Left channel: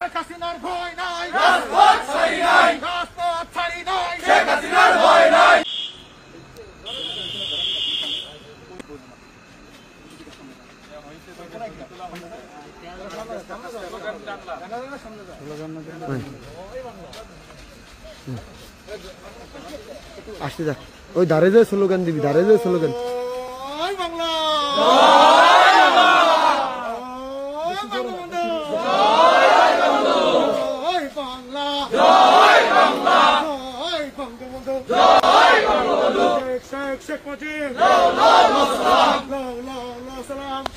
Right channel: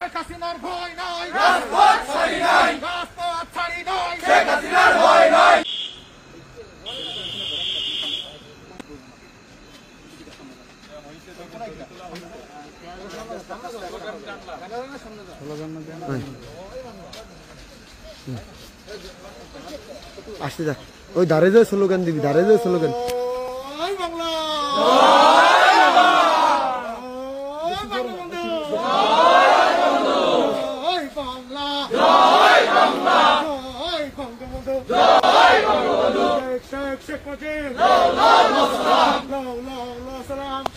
হাসিনার ভয় নাই, রাজপথ ছাড়ি নাই, রাজপথ ছাড়ি নাই, শেখ হাসিনার ভয় নাই। আসতে যাক, ওই দাঁড়ে যায় স্লোগান দিবি, দাঁড়ে যায় স্লোগান। জয় বাংলা,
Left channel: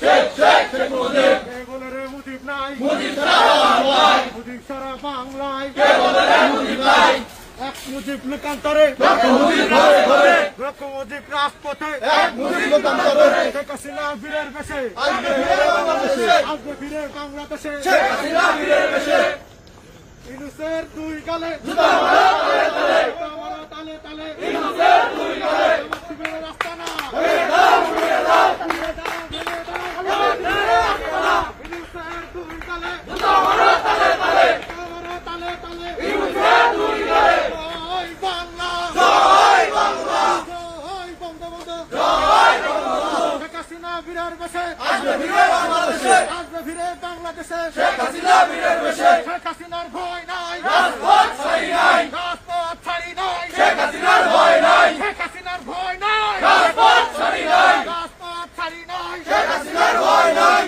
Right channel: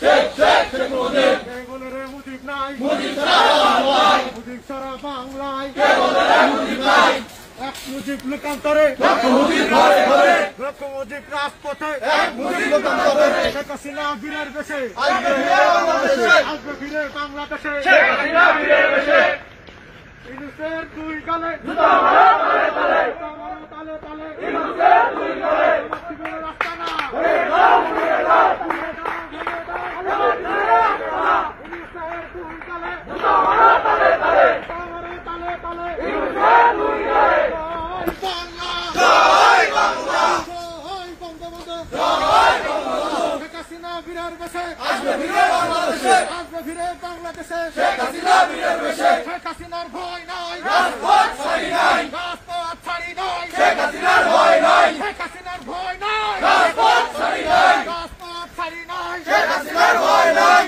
শেখ মুজিব, মুজিব নাই, মুজিব সারা বাংলায়, এক মুজিব লোকান্তরে, লক্ষ মুজিব রাজপথে, শেখ হাসিনা বীরের বেশে, আসবে ফিরে বাংলাদেশে, ইনুসের দুই গালে, তালে তালে, রাস্তা না, বীরের বেশে আসবে ফিরে বাংলাদেশে, শেখ হাসিনা বীরের বেশে, শেখ হাসিনার ভয় নাই, রাজপথ ছাড়ি নাই, রাজপথ ছাড়ি নাই, শেখ হাসিনার ভয় নাই, শেখ হাসিনার ভয় নাই, রাজপথ ছাড়ি নাই, রাজপথ ছাড়ি নাই, শেখ হাসিনার ভয় নাই।